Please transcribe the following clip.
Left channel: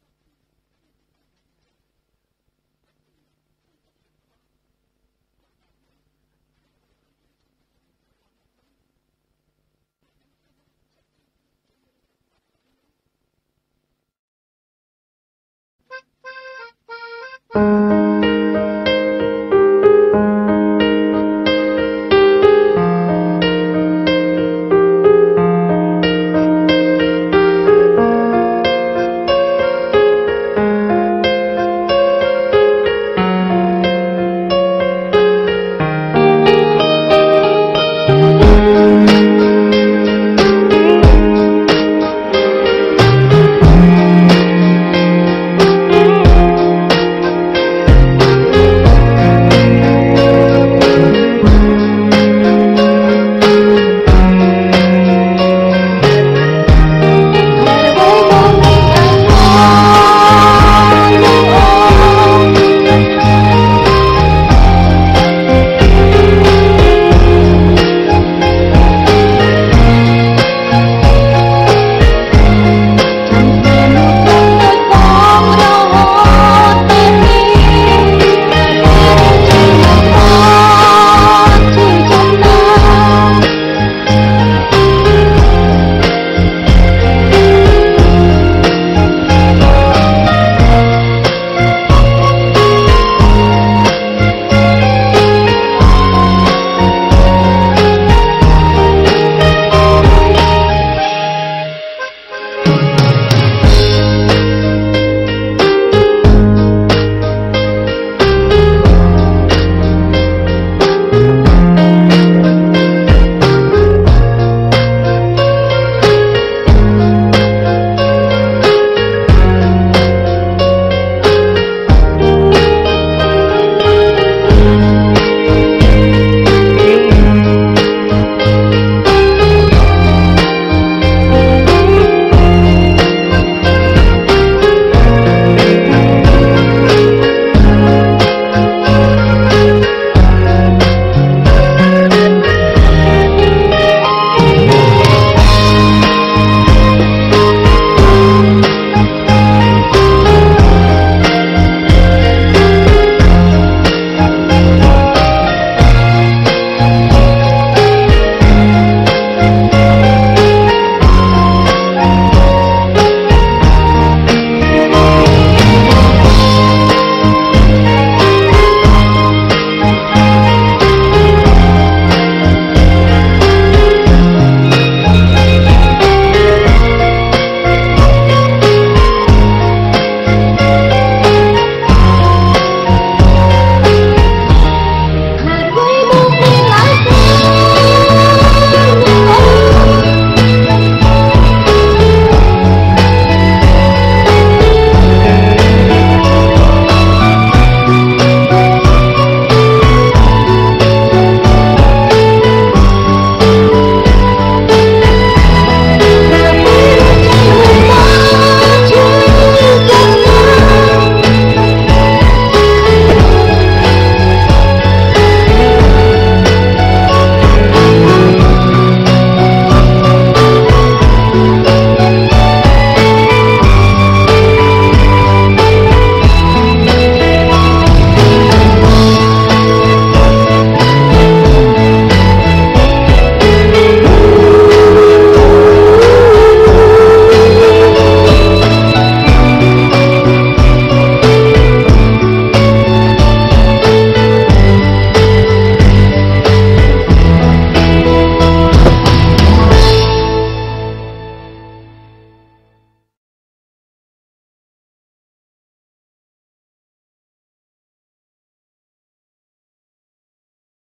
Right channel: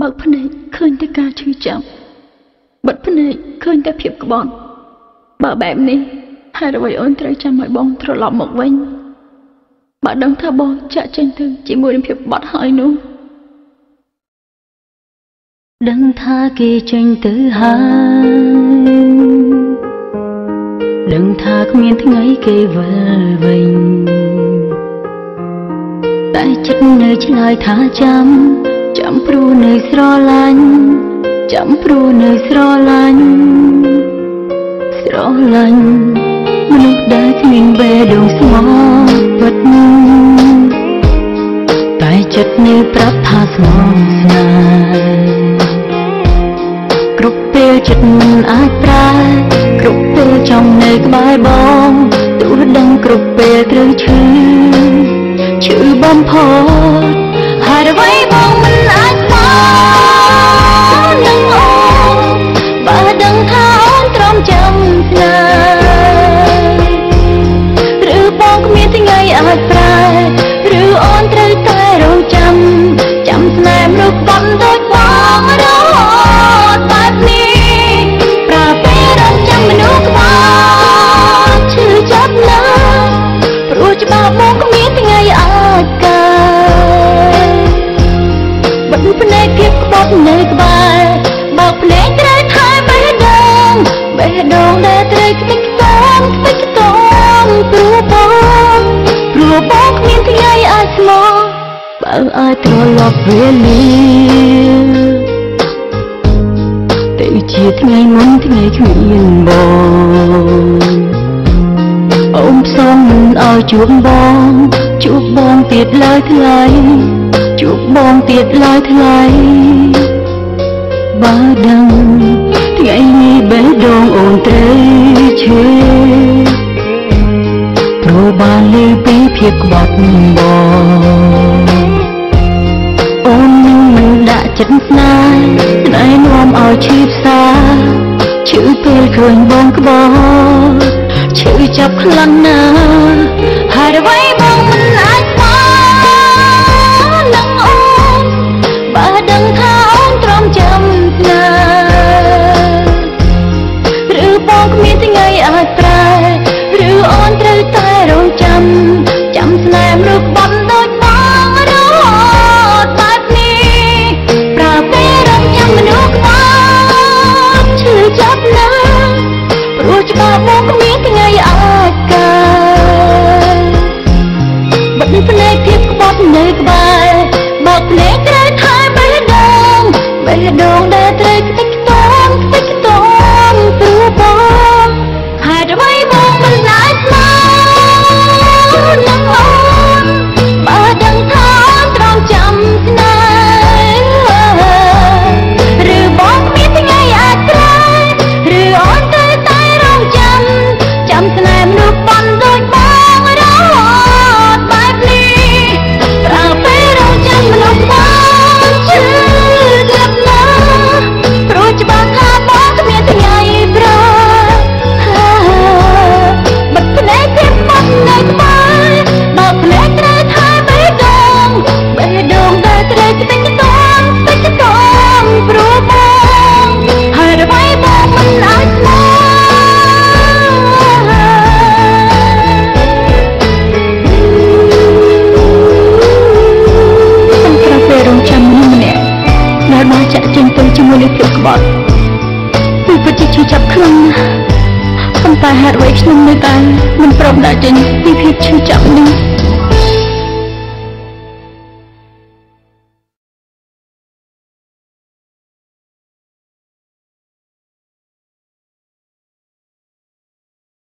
បើកភ្នែកឃើញតែការឈឺចាប់បិទភ្នែកឃើញតែភាពក្បត់បើបែបនេះហេតុអ្វីអូនត្រូវចាំឲ្យបងត្រឡប់មកវិញបើដឹងថាបងចាក់ចេញទៅជាមួយនឹងភាពក្បត់ហើយនោះដឹងថាគេចេញទៅហើយដឹងថាគ្មានថ្ងៃគេវិលវិញតែចិត្តនៅឆ្លើយថាចាំព្រោះនៅស្រឡាញ់ចាំព្រោះនៅស្រឡាញ់